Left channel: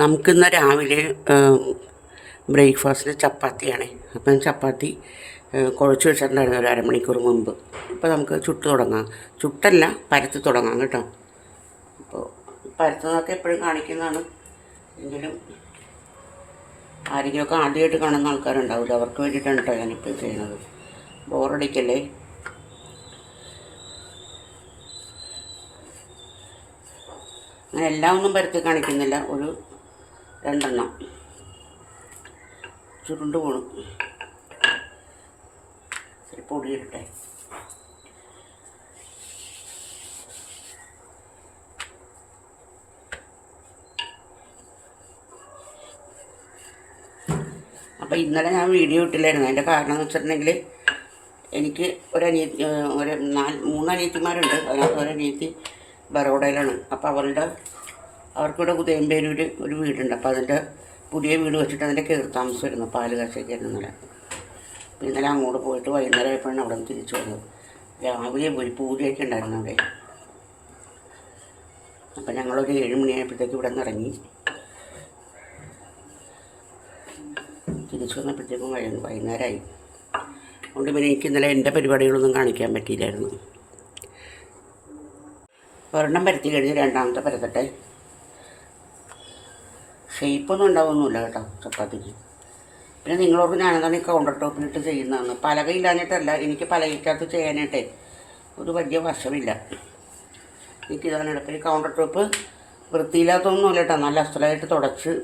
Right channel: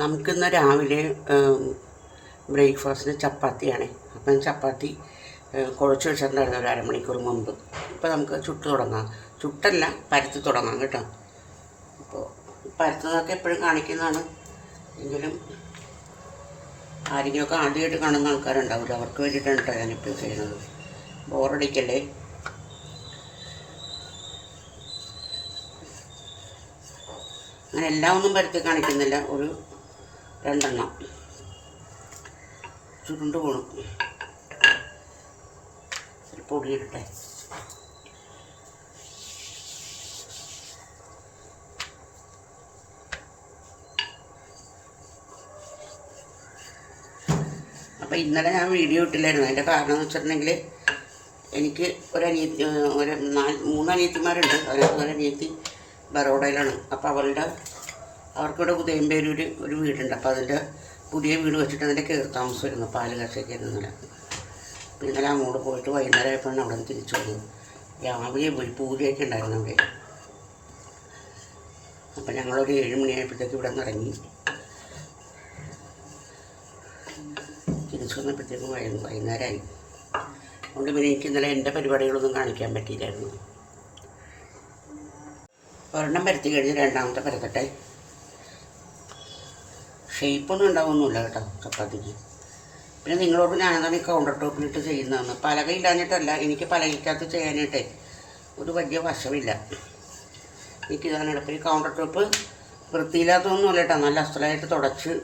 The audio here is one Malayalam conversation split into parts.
നമുക്കിന്ന് രാവിലെ ബ്രേക്ക്ഫാസ്റ്റിന് ചപ്പാത്തിയാണ്. അപ്പം ചപ്പാത്തി കുഴച്ച് വെച്ചിട്ടുണ്ടായിരുന്നു ഒരു അരമണിക്കൂർ മുമ്പ്. ഇപ്പോൾ നമുക്ക് ചുട്ട് തുടങ്ങാം. ചുട്ടല്ല, പരത്തി തുടങ്ങാം കേട്ടോ. അപ്പോൾ പരത്തുന്നതൊക്കെ എപ്പോഴും കാണിക്കുന്നതാണ്. എങ്കിലും ആരെങ്കിലുമൊക്കെ ആദ്യമായിട്ട് കാണുന്ന ആൾക്കാരുണ്ടാവില്ല, അവർക്ക് വേണ്ടിയിട്ടാണ് കേട്ടോ ഞാനിപ്പോൾ ചെയ്യുന്നത്. ബോറടിക്കല്ലേ. അങ്ങനെ എല്ലാം ഒന്നും പരത്തി കാണിക്കുന്നില്ല, ഒരു 2 എണ്ണം ചുരുണ്ട് പോണു. പൊടിയിട്ടെ അപ്പോൾ ഇന്നലെ ഞാൻ വീഡിയോ ഇട്ടില്ലായിരുന്നു. അതിൻ്റെ കാരണം എന്ന് വെച്ചിട്ടുണ്ടെങ്കിൽ എനിക്ക് ഒരു 3 അനിയത്തിമാരുണ്ട്. അതിനകത്ത് ഒരനിയത്തി ബറോഡയിലാണ്. അപ്പോൾ അവർക്കിവിടെ ഉദയംപേരൂർ ഒരു വീടുണ്ട്. അപ്പോൾ അതിൻ്റെ പുതിയ വീട് വെച്ചിട്ട് അതിൻ്റെ കയറി താമസമായിരുന്നു, പാല് കാഴ്ചയ്ക്കായിരുന്നു ഇന്നലെ. അപ്പോൾ ഇന്നലെ അങ്ങോട്ട് പോയിട്ട് വൈകുന്നേരം ആയപ്പോഴാണ് അവിടെ നിന്ന് തിരിച്ചു വന്നത്. രാവിലെ പോയി പൂജയൊക്കെ ഉണ്ടായിരുന്നു അവിടെ. അപ്പം ഞങ്ങളൊരു 7 മണിയായപ്പോഴത്തേക്ക് ഇവിടെ നിന്ന് ഇറങ്ങി. തിരിച്ചു വന്നപ്പോഴത്തേക്കും വൈകുന്നേരമായി. അതുകൊണ്ട് പിന്നെ എനിക്ക് ഇന്നലെ എൻ്റെ പരിപാടികളൊന്നും കാണിക്കാൻ പറ്റിയില്ലായിരുന്നു. ഒരെണ്ണം പരത്തി കഴിഞ്ഞ് രണ്ടാമത്തെ പരത്തട്ടെ. ഷേപ്പൊന്നും ഉണ്ടാവുന്നില്ല കേട്ടോ ചപ്പാത്തിക്ക്. പിന്നെ നിങ്ങളോട് ഞാനെന്താണ് ഈ കൗണ്ടർ ടോപ്പിലിട്ട് ചെയ്യുന്നതെന്ന്. പലകയില്ലാഞ്ഞിട്ടല്ല, എനിക്ക് പലകയ്ക്കകത്ത് ചെയ്യാനായിട്ടേ ഒരു വലിയ വശമില്ല. എനിക്കിതാണ് എളുപ്പം. ഈ കൗണ്ടർ ടോപ്പ് വൃത്തിയില്ലാത്തൊന്നുമല്ല കേട്ടോ, നല്ല അസ്ഥലമായിട്ട് തുടച്ച്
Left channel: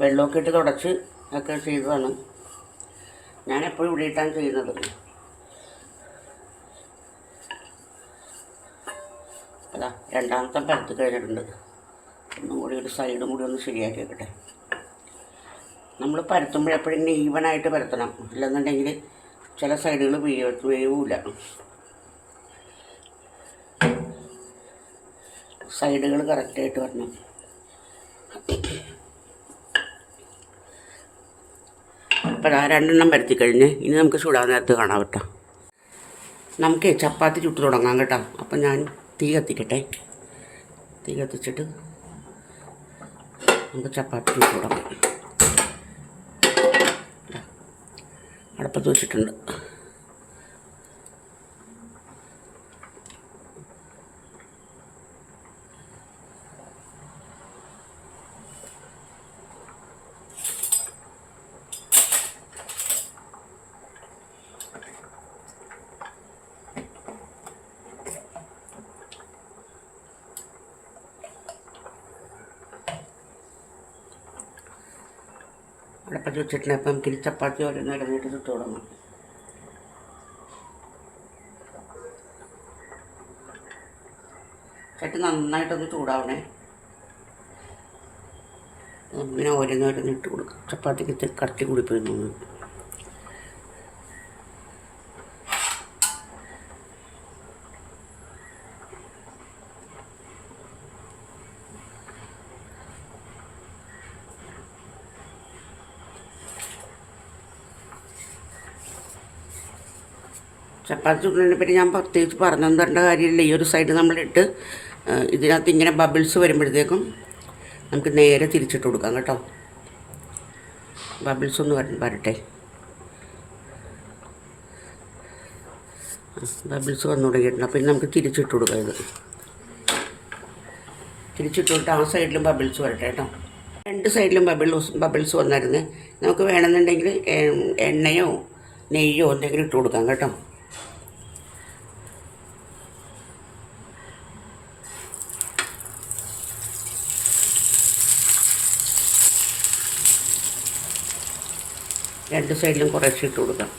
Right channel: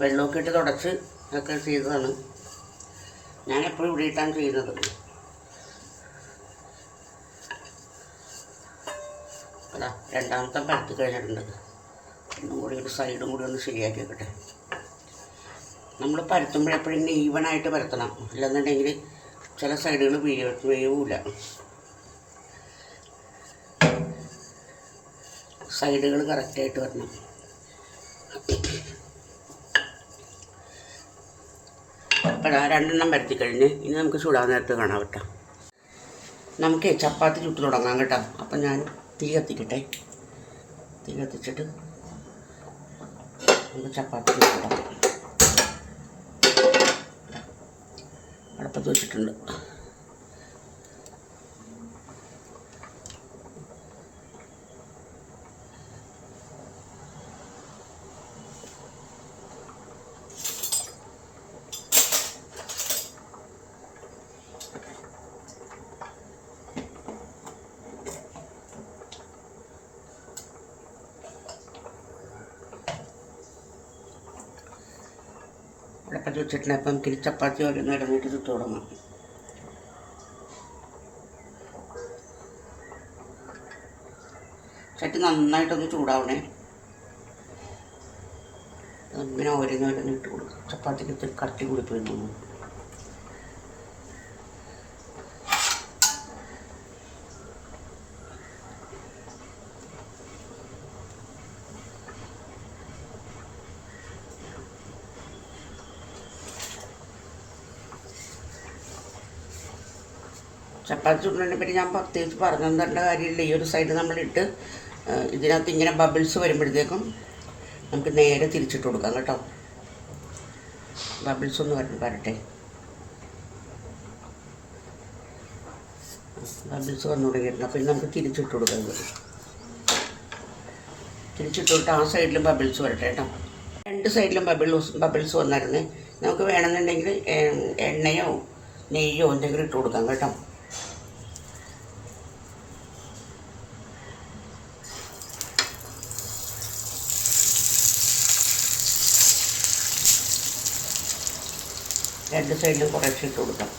വെള്ളമൊക്കെ ഇട്ട് തുടച്ച് ഒക്കെ ചെയ്തതാണ്. ഞാനെപ്പോഴും ഇവിടെ ഇട്ടാണ് ചെയ്യുന്നത്. അതാ രണ്ടാമത്തെ പരത്തി കഴിഞ്ഞിട്ടുണ്ട്. ഒന്നും കൂടി ഒരു സൈഡും കൂടി ഒന്ന് ശരിയാക്കി വെക്കട്ടെ. നമ്മൾ പരത്തുമ്പോഴെപ്പോഴും ഇങ്ങനെ ഈവനായിട്ട് പരത്തണം, അല്ലെന്നുണ്ടെങ്കിൽ ചില സൈഡുകൾ വേവില്ല. സൈഡുകൾ കറക്റ്റായിട്ട് വരണം. അപ്പോൾ 2 എണ്ണം പരത്തി കഴിഞ്ഞ് ഇനി നമുക്ക് ചൂടാൻ നേരത്ത് കാണാം കേട്ടോ. നമുക്ക് ചപ്പാത്തി ചുട്ട് തുടങ്ങാം കേട്ടോ. അപ്പം ഞാൻ തീ കത്തിക്കട്ടെ. തീ കത്തിച്ചിട്ട് നമുക്ക് ചപ്പാത്തി ചുട്ട് തുടങ്ങാം. അടുപ്പത്ത് വെച്ചിട്ടുണ്ട്. അടുപ്പത്ത് വെച്ചിട്ടുണ്ട്. അപ്പം നമുക്കിനി ചപ്പാത്തി ഓരോന്നിടന്നിട്ട് ചുട്ട് തുടങ്ങാം. ചട്ടി നന്നായിട്ടൊന്ന് ചൂടാവണേ. നമുക്കിങ്ങനെ ഓരോന്നിട്ട് കൊടുക്കാം. ചപ്പാത്തിക്ക് കട്ടി കൂടിപ്പോയിരുന്നു. ചപ്പാത്തി ചുടുന്നതിനെ പറ്റി ഞാൻ പ്രത്യേകിച്ച് പറഞ്ഞു തരേണ്ട കാര്യമില്ല. ഈ ഒരു സൈഡ് നമ്മളിട്ട് ഇതിനകത്ത് ഇങ്ങനെ ബബിൾസ് വരുമ്പോഴത്തേക്കും നമുക്ക് നേരെ തിരിച്ചിട്ട് കൊടുക്കാം കേട്ടോ. ബബിൾസ് ഒന്ന് വരട്ടെ. ബബിൾസ് വന്നു തുടങ്ങിയിട്ടുണ്ട്. അപ്പോൾ നമുക്ക് തിരിച്ചിട്ട് കൊടുക്കാം. ഇത് തിരിച്ചിട്ട് കൊടുത്ത് ആ സൈഡിലും ബബിൾസ് വരട്ടെ കേട്ടോ. 2 സൈഡിലും ബബിൾസ് വന്നായിരുന്നു. നമുക്ക് വേണമെന്നുണ്ടെങ്കിൽ എണ്ണയോ നെയ്യോ എന്തെങ്കിലും ഇട്ട് കൊടുക്കാം കേട്ടോ. രണ്ട് സൈഡിലും കുറച്ച് ഇട്ട് കൊടുക്കാം.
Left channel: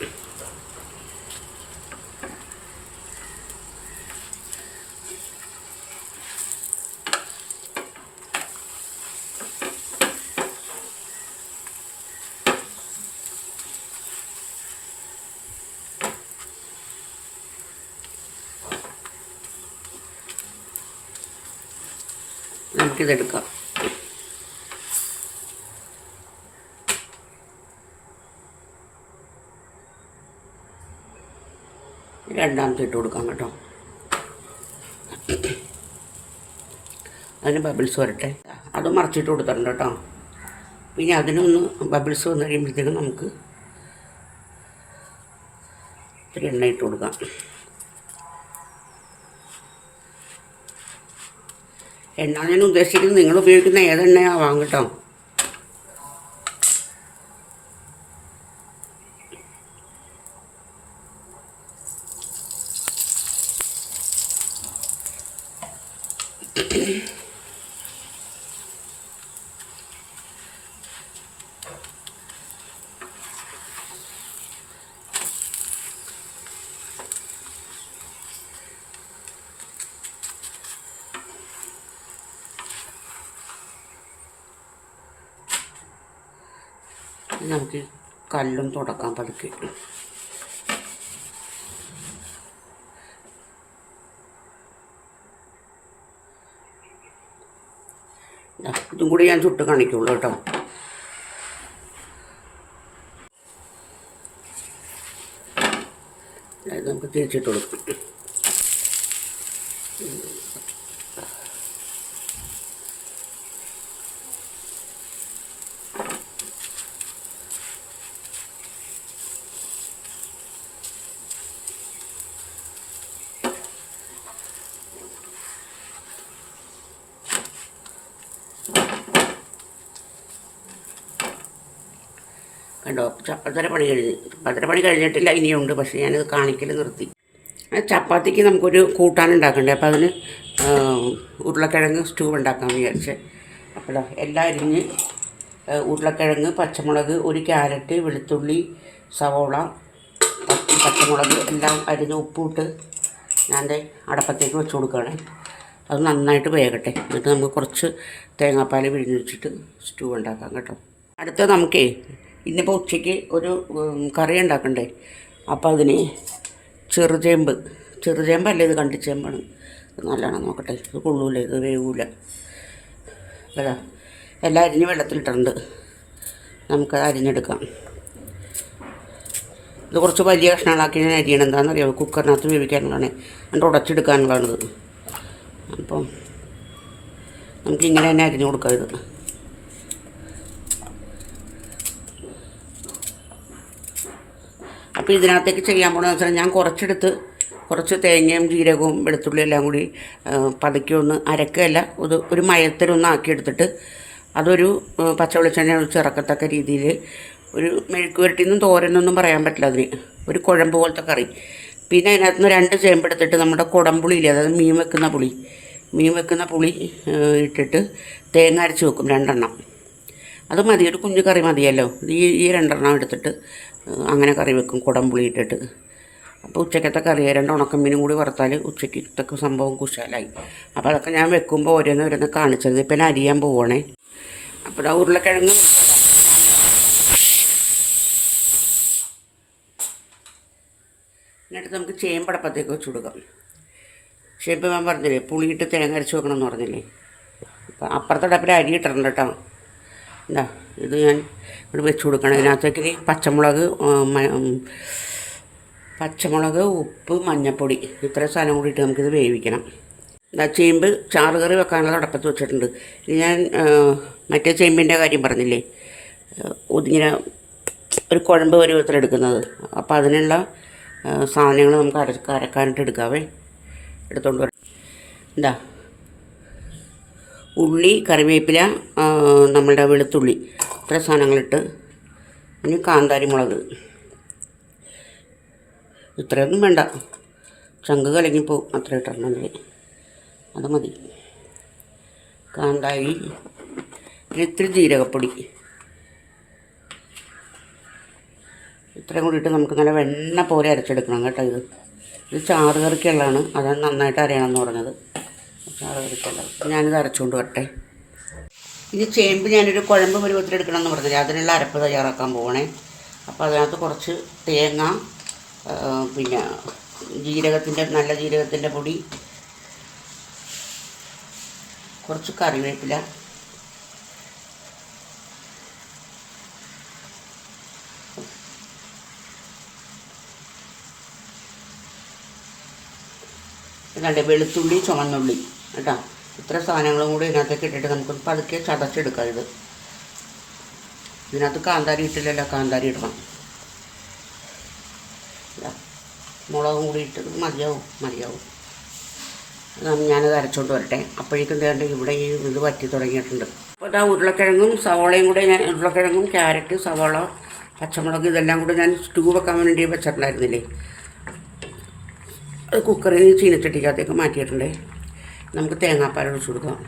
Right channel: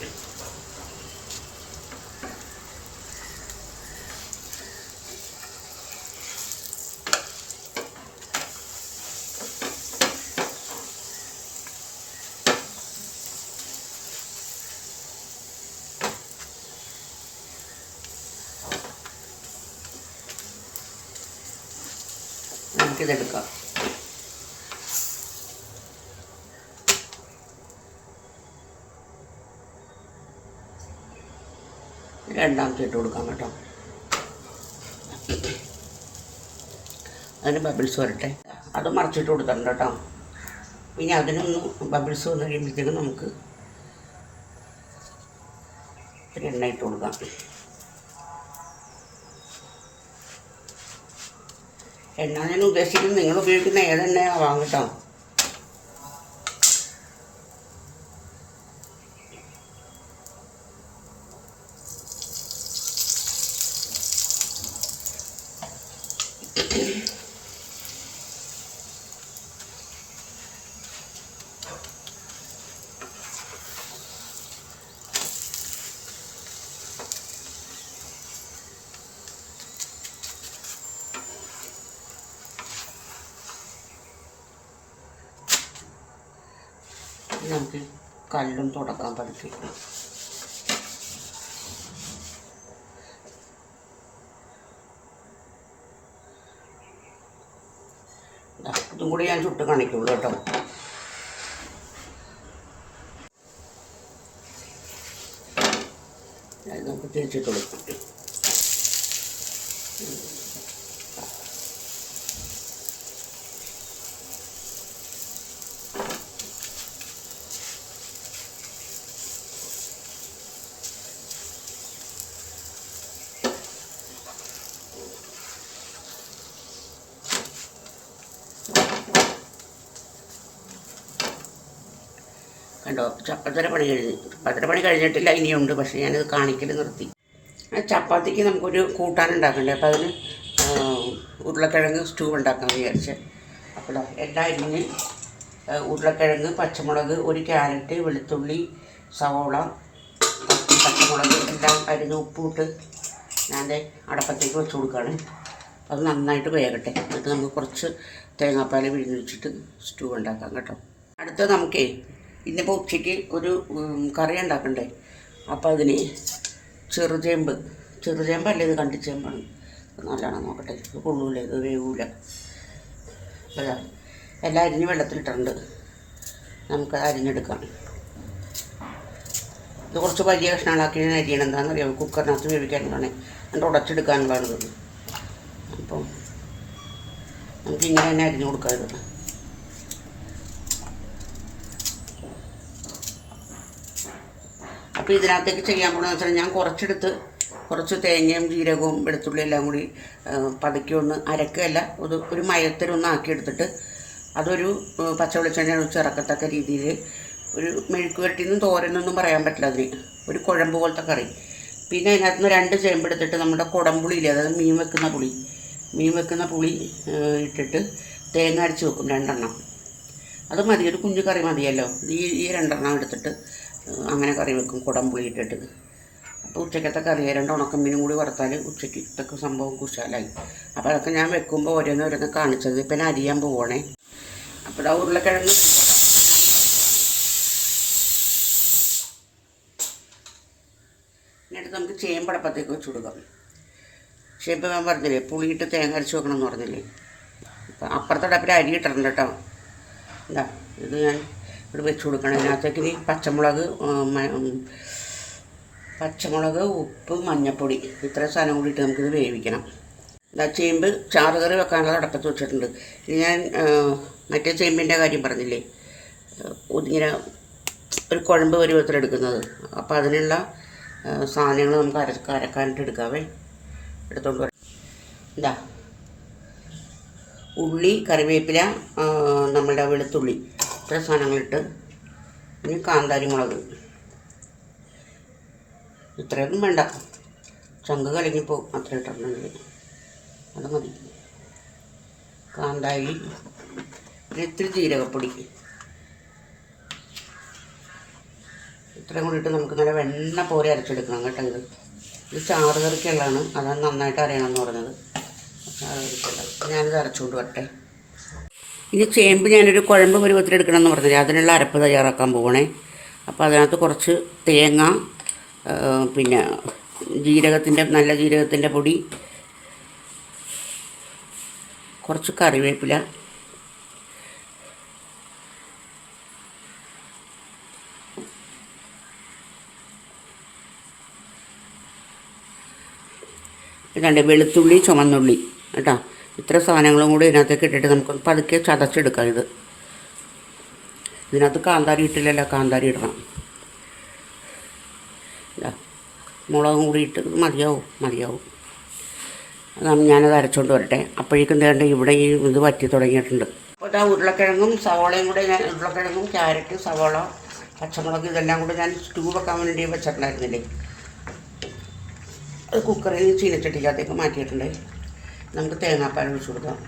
നമുക്കിതെടുക്കാം. രണ്ടാമത്തെ ഇട്ട് കൊടുക്കാം കേട്ടോ. അതിന് ബബിൾസ് വരട്ടെ. അത് മറച്ചിട്ട് കൊടുത്തിട്ടുണ്ട് കേട്ടോ. ഇനി അതിനൊന്ന് ബബിൾസ് വന്ന് കഴിയുമ്പോഴത്തേക്കും നമുക്ക് ഇത്തിരി എണ്ണ ഇട്ട് കൊടുക്കാം. എണ്ണ ഞാൻ ഉദ്ദേശിക്കുന്നത് നിങ്ങൾ ഉപയോഗിക്കുന്ന ഏതെണ്ണയാവാം കേട്ടോ. നമുക്ക് കല്ലും തുടക്കാൻ പതുക്കെ. ഇതും കൂടി ഞാൻ ചുട്ട് കാണിക്കുള്ളൂ കേട്ടോ. നമുക്ക് തിരിച്ചിട്ട് കൊടുക്കും. കണ്ടോ, ചപ്പാത്തിയുടെ പണി കഴിഞ്ഞിട്ടില്ല, ഇനിയുണ്ട്. പക്ഷേ ഞാനത് കാണിക്കൽ നിർത്തി. ചപ്പാത്തിക്ക് നമുക്കൊരു കൂട്ടാനുണ്ടാക്കണ്ടേ. അപ്പോൾ അതിന് ഉരുളക്കിഴങ്ങ് സ്റ്റൂ ഉണ്ടാക്കാമെന്ന് വിചാരിച്ച്. അപ്പോൾ എല്ലാം അരിഞ്ഞ് ഉരുളക്കിഴങ്ങ്, പച്ചമുളക്, ഒരു ക്യാരറ്റ്, വെളുത്തുള്ളി, സവോള, പച്ചമുളക് എല്ലാം അരിഞ്ഞ് ഉപ്പിട്ട് ഞാൻ അടപ്പത്തേക്ക് വെച്ച് കൊടുക്കുകയാണ്. അത് നന്നായിട്ട് വേകട്ടെ. എന്നിട്ട് നമുക്ക് കുറച്ച് തേങ്ങാപ്പാൽ പിഴിഞ്ഞ് വെച്ചിട്ട് സ്റ്റൂ ഉണ്ടാക്കാം കേട്ടോ. അടുത്ത നമുക്കേ ഇന്നിപ്പോൾ ഉച്ചയ്ക്ക് ഒരു കറി ഉണ്ടാക്കണ്ടേ. അപ്പോൾ അതിന് ചെറുചേമ്പല്ല, ഇത് കണ്ടിച്ചേമ്പാണ്. നല്ലതാണ്, നോക്കട്ടെ. ഇത് കൊള്ളൂല, ഇത് വേവൂല. അതാ എല്ലാം അരിഞ്ഞ് വെള്ളത്തിലിട്ടുണ്ട്. നമുക്കത് അരിഞ്ഞെടുക്കാം. ഇത് കുറച്ച് വലിയ കഷ്ണങ്ങളാക്കി ഞാൻ അരിയണം. എന്താണെന്നറിയാമോ, കുക്കറിനകത്ത് വേവിക്കാനുള്ളതാണ്, എന്നിട്ട് ഉടച്ചെടുക്കാനുള്ളതാണിത്. അപ്പം നമുക്കിങ്ങനെ തന്നെ അരിഞ്ഞു കൊടുക്കാം. ഇത് അപ്പോൾ ഇതിനകത്തേക്ക് ചെയ്യാൻ പോകണമെന്ന് വെച്ചാൽ ഞാൻ കുറച്ച് തേങ്ങയും ജീരകവും വെളുത്തുള്ളി എല്ലാം കൂടി പതുക്കി ഒന്ന് അരക്കല്ല, ഒരു മയത്തരൊന്ന് ആക്കിയെടുത്തിട്ട് അതൊരു പച്ച വെളിച്ചെണ്ണ ഒഴിച്ച് ഇറക്കത്തക്ക രീതിയിൽ ഒരു മെഴുക്ക് പുരട്ടിന്നും തോരനൊന്നും പറയാൻ പറ്റില്ല, അതിന് ഒരു കുഴമ്പ് പോലത്തെ കറി. പിന്നെ അതിനകത്ത് നിന്ന് 2 ചേമ്പെടുത്തിട്ട് നമ്മുടെ കുടംപുളിയില്ലേ, അതായത് മീൻ വെക്കുന്ന പുളി ഇട്ടിട്ട് തേങ്ങ അരച്ച് വെക്കും 2 എണ്ണം. അത് മതി, ഒരു കുഞ്ഞു കറി മതിയല്ലോ. ഈ 2 എണ്ണം എടുത്തിട്ട് അങ്ങനെ കറി വെക്കും കുടംപുളി ഇട്ടിട്ട്. അപ്പോൾ ഉച്ചക്കത്തെ കറി 2 ഉണക്കമീനും കൂടി വറുത്താൽ ഉച്ചക്കത്തൊക്കെ സംഭവം കുശാലായി. അപ്പോൾ അതൊക്കെ ഞാൻ വെക്കുമ്പോൾ ഓരോന്ന് കാണിച്ചത്. ഇപ്പം ഞാൻ അരിയാൻ പോവുകയാണേ. അപ്പോൾ ആ ഉരുളക്കിഴങ്ങ് എന്നിട്ട് നമുക്ക് ചേമ്പടപ്പത്തേക്ക് വെച്ച് കൊടുക്കാം. ചേമ്പ് ഞാൻ പറഞ്ഞില്ലേ, പുളിയിട്ട് തേങ്ങ അരച്ച് വെക്കണം എന്ന് പറഞ്ഞില്ലേ. അപ്പം അപ്പുറത്തെ ഡപ്പിൽ അരി ഇട്ടിട്ടുണ്ട് കേട്ടോ. എന്താ ഇത് ഞാൻ ഇവിടെ വെച്ച് കൊടുക്കണം. ഇതിനകത്തേക്ക് പച്ചമുളക്, ഉപ്പ്, മഞ്ഞൾപ്പൊടി, ഇത്രയും സാധനം കൂടിയിട്ട് നമുക്കിത് വേവിക്കണം. ചേമ്പ് ചാറ് കറി വെക്കാനുള്ള അടപ്പത്ത് വെച്ചിട്ടുണ്ട്. ഇത് ഞാൻ മറ്റേ ചേമ്പിൻ്റെ കാര്യം പറഞ്ഞില്ലേ, ഇങ്ങനെ ഒരു കുഴമ്പ് പരുവത്തിലെടുക്കുന്നത്. അപ്പോൾ അതിനുള്ള സാധനങ്ങൾ നമുക്ക് അരക്കാനായിട്ട് എടുക്കാവേ. എടുത്തോണ്ട് വരാം. എന്താ ഉള്ളി, കറിവേപ്പില, നമ്മളുടെ വെളുത്തുള്ളി, ഇത്ര സാധനങ്ങളിട്ട്, ഇനി കാന്താരി മുളക്, ഇത്രയൊന്നും വേണ്ട, ചങ്ക് കലങ്ങിപ്പോവും, അത്ര ഇട്ടിട്ടുണ്ടെങ്കിൽ അത് മതി. കാന്താരി, ഇത്തിരി ജീരകപ്പൊടി, ഇത്രയും കൂടിയിട്ട് നമുക്ക് നല്ല വെണ്ണ പോലെ അരച്ചെടുക്കണം കേട്ടോ. ഇത് ചാറ് കറിക്കുള്ളതാണ്, അതാണ് നന്നായിട്ട് അറിയണമെന്ന് പറഞ്ഞത്. ചാറ് കറിക്കുള്ള ഞാനിത് അരച്ചുകൊണ്ട് വരട്ടെ. ഇനി ചേമ്പ് ഞാനൊരു കുഴമ്പ് പരുവത്തിലെടുക്കണം എന്ന് പറഞ്ഞില്ല, അതിനുള്ള അരപ്പ് തയ്യാറാക്കാൻ പോകണേ. അപ്പോൾ അതിനകത്ത് കുറച്ച് തേങ്ങ, പിന്നെ നല്ല ജീരകത്തിൻ്റെ പൊടി, കുറച്ച് കറിവേപ്പില, പിന്നെ വെളുത്തുള്ളി, ചുവന്നുള്ളി കേട്ടോ. ഇത്ര സാധനങ്ങളും കൂടി ഇതിനകത്തേക്ക് ഇട്ടിട്ട് നമുക്ക് പതുക്കെ ചതച്ചെടുക്കാം. ഇതിനകത്ത് കാന്താരി ഇട്ടില്ലല്ലോ, കാന്താരി ഇടണം. മുളകും കൂടി ഇട്ട് മതിയാവും. ഞാനത് അരച്ചുകൊണ്ട് വരട്ടെ. അപ്പോഴേക്കും വേണ്ട ഇവിടെ ഈ ഇത് വറ്റി തുടങ്ങിയിട്ടുണ്ട്. അപ്പോൾ ഇതാ ഉരുളക്കിഴങ്ങും സവോളയും കൂടെ ഉരുളക്കിഴങ്ങും ക്യാരറ്റ് സവോള പച്ചമുളക് ഇതെല്ലാം കൂടെ ഞാൻ സ്റ്റൂ വെക്കാൻ വേണ്ടി വെച്ചിട്ടുണ്ടായിരുന്നില്ലേ, അത് കുക്കറിൽ ചീനച്ചട്ടിക്കകത്തേക്ക് മാറ്റിയിട്ടുണ്ട്. നമുക്ക് തേങ്ങാപ്പാൽ ഒഴിച്ച് കൊടുക്കാം.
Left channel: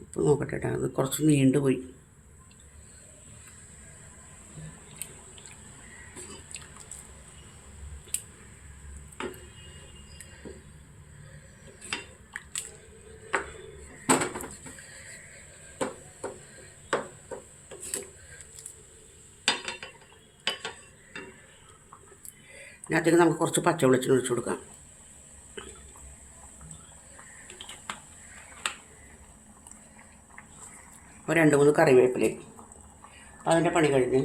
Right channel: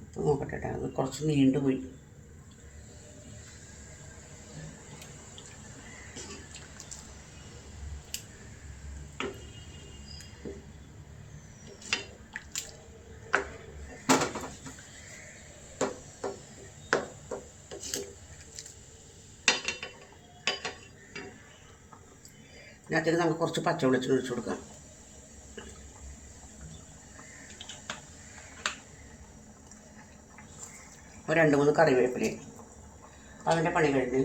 ഉപ്പ് നോക്കട്ടെ, അത് കുറച്ച് നീണ്ടുപോയി. ഇതിനകത്തേക്ക് നമുക്ക് കുറച്ച് പച്ചവെളിച്ചെണ്ണ ഒഴിച്ച് കൊടുക്കാം. ഒരു 2-3 കറിവേപ്പില. അതിൻ്റെ പണി കഴിഞ്ഞ്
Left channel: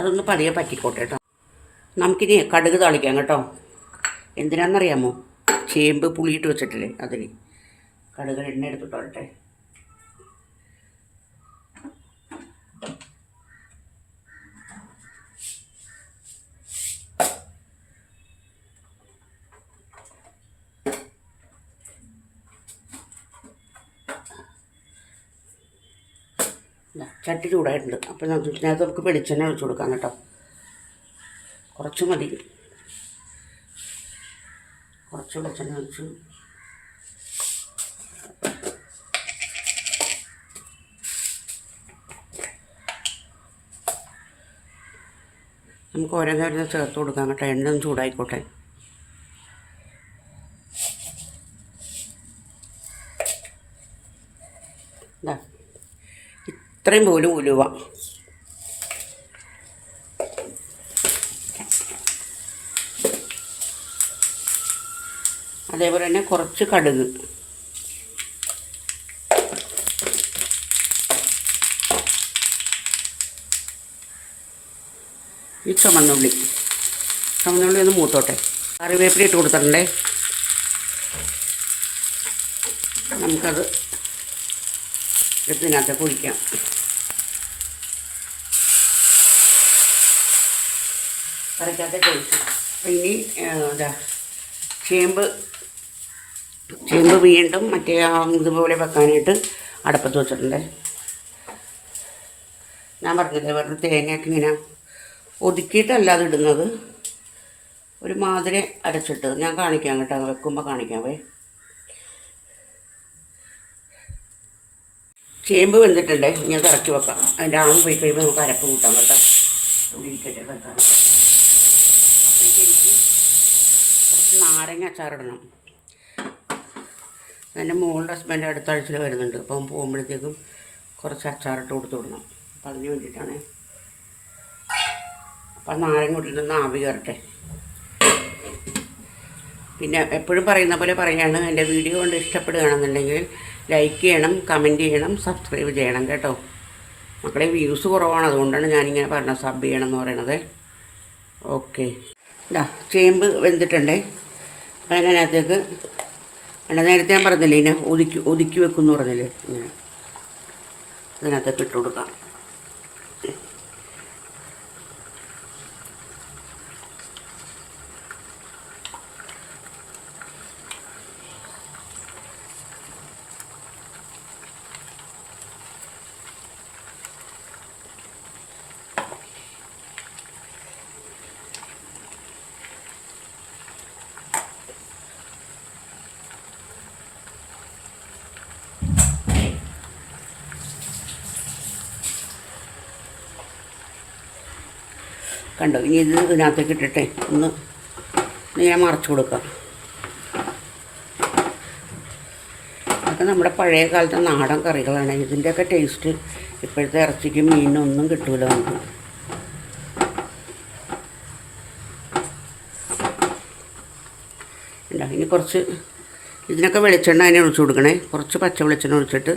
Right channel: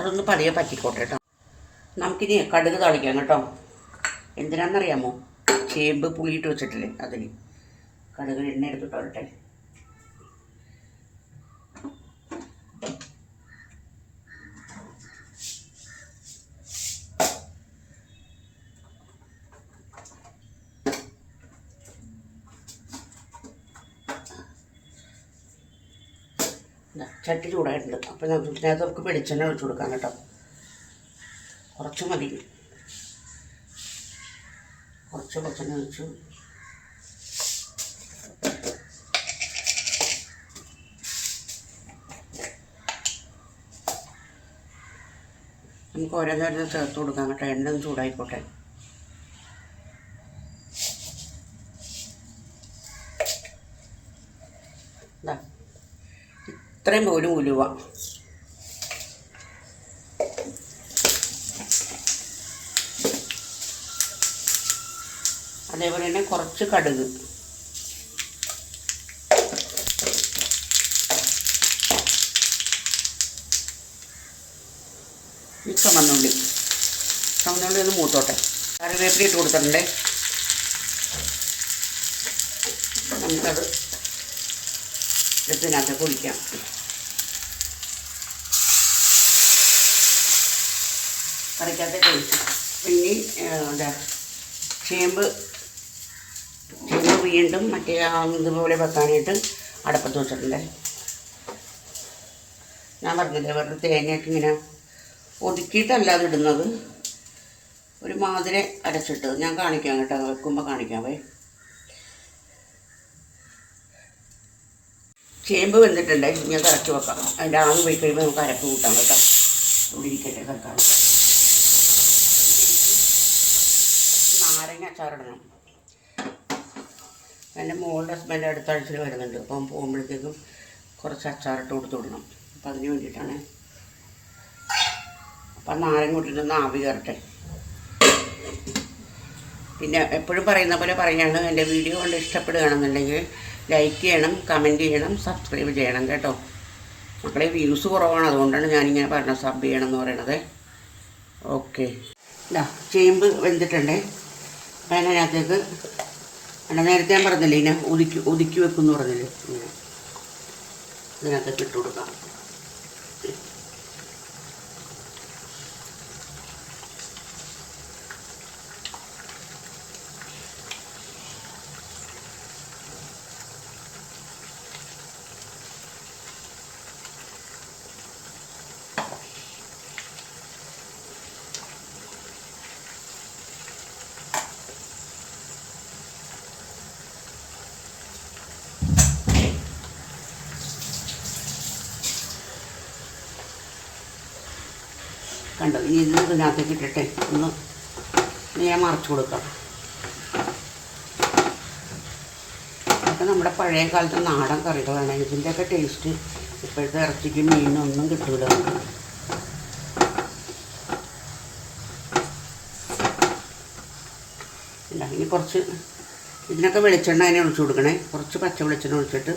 അതൊന്ന് പതിയെ പറ്റിക്കോട്ടെ കേട്ടോ. നമുക്കിനി കടുക് താളിക്കാം കേട്ടോ. എന്തിനാണെന്നറിയാമോ? ചേമ്പ് പുളിയിട്ട് വെച്ചിട്ടില്ലേ, അതിന് കടുക് എണ്ണ എടുത്തിട്ടോട്ടെ. ചട്ടി ചൂടായിട്ടുണ്ട്. അപ്പോൾ ഇതിനകത്ത് നമുക്ക് വെളിച്ചെണ്ണ ഒഴിച്ച് കൊടുക്കാം കേട്ടോ. കുറച്ച് മതി, കുറച്ച് വെളിച്ചെണ്ണ ഒഴിച്ചു. നമുക്ക് ഓരോ കാര്യം ചേർത്ത് കൊടുക്കാം കേട്ടോ. എണ്ണ ഒന്ന് ചൂടായിക്കോട്ടെ. ഇത്രയും പോലും ഉലുവ, അതേപോലെ തന്നെ കുറച്ച് കടുക്, ഈ ചുമന്നുള്ളി ഒന്ന് മൂത്തോട്ടെ. കറിവേപ്പില ഇട്ട് കൊടുത്തിട്ടുണ്ടേ. നമുക്കത് ഇതിനകത്ത് ഒഴിക്കാം. കറിക്കകത്തേക്ക് ഒഴിച്ചു. ഇനി ചേമ്പ് വീണ്ടും മറ്റേ ഇതുപോലെ വെക്കാനായിട്ട് അടുപ്പത്ത് വെച്ചിട്ടുണ്ട്. ഞാൻ പറഞ്ഞില്ലേ, വെറുതെ തേങ്ങയൊക്കെ ഇങ്ങനെ ഒതുക്കിയിട്ടല്ലാതെ ഇടുന്നത്, ഒരു മാതിരി അരച്ചിട്ട് ഞാൻ കാണിക്കാം കേട്ടോ. വെക്കുമ്പോൾ കാണിക്കാവേ. ചേമ്പ് വെന്തിട്ടുണ്ട്. ഇനി അത് ഇറക്കി വെക്കാം. അതിൻ്റെ ആവി പോയി കഴിയുമ്പോൾ നമുക്ക് അരപ്പ് കൂട്ടാം കേട്ടോ. ഇരിക്കട്ടെ വെക്കാം. കുറച്ച് നാരങ്ങ അച്ചാറിടണം. എൻ്റെ മോളുടെ ഹസ്ബൻഡ് അടുത്ത ആഴ്ചയിൽ വരുന്നുണ്ട്. അപ്പം പോകുമ്പോഴത്തേക്കും കുറച്ച് അച്ചാറിട്ട് കൊടുത്തു വിടണം. അപ്പം അതിന് വേണ്ടിയിട്ടാണ്. അപ്പം നാരങ്ങ കൂട്ടിയിട്ടൊന്ന് ആവി കയറട്ടെ. പിന്നെ എപ്പോഴും പറയുന്ന പോലെ പറയുകയാണ്, എൻ്റെ വീഡിയോ കൊണ്ട് ഇഷ്ടപ്പെടുകയാണെന്നുണ്ടെങ്കിൽ ലൈക്ക് ചെയ്യണം, കമൻറ്റ് ചെയ്യണം, സബ്സ്ക്രൈബ് ചെയ്യണം കേട്ടോ. മക്കളെ വ്യൂസ് കുറവാണ്, അതുകൊണ്ടാണ് ഞാനിങ്ങനെ പറഞ്ഞത് സബ് ചെയ്യണം എന്ന് പറയണത്. ഓക്കെ, ഇതാ ചേമ്പ് വെന്തിട്ടുണ്ടേ. അപ്പം അതിനകത്തേക്ക് നേരത്തെ ഞാൻ പറഞ്ഞില്ലേ, ഇതിനെ ഒതുക്കി വെക്കുമെന്ന് പറഞ്ഞില്ലേ, ഇങ്ങനെ ഇതിനകത്തേക്ക് ഇട്ട് കൊടുക്കാം. കണ്ടോ? ഇനി ഇത് ഇതിനകത്തേക്ക് ഇട്ടിട്ടെ ഒന്ന് ഞാൻ മറച്ചു കൊടുക്കാം. അതൊക്കെ നമ്മുടെ പഴയ കാലത്തെ നാടൻ കറികളാണ്. ഇതിൻ്റെയൊക്കെ ടേസ്റ്റ് ഇപ്പോഴത്തെ ഇറച്ചിക്കും മീനിനും ഒന്നും കിട്ടൂല നമുക്ക്. ഇനി കുറച്ച് ഇതിനൊക്കെ വെളിച്ചെണ്ണ അതിനെ ഒഴിച്ചു കൊടുക്കണേ. കുറച്ച് പച്ച വെളിച്ചെണ്ണ ഒഴിച്ചിട്ട്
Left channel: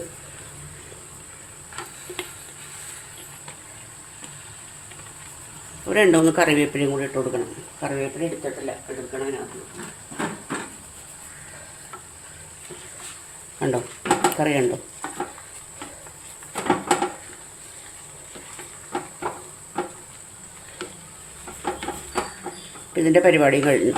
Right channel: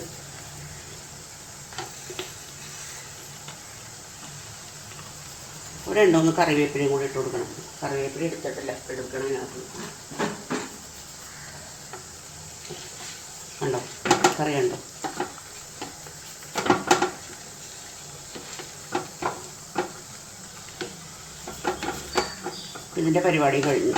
ഒരു 2-3 കറിവേപ്പിലയും കൂടി ഇട്ട് കൊടുക്കണം. കറിവേപ്പില എടുത്തിട്ടില്ല, എടുക്കണം അതിനകത്ത്. കണ്ടോ കറി കണ്ടോ? ഇതിൻ്റെ പരിപാടി കഴിഞ്ഞു.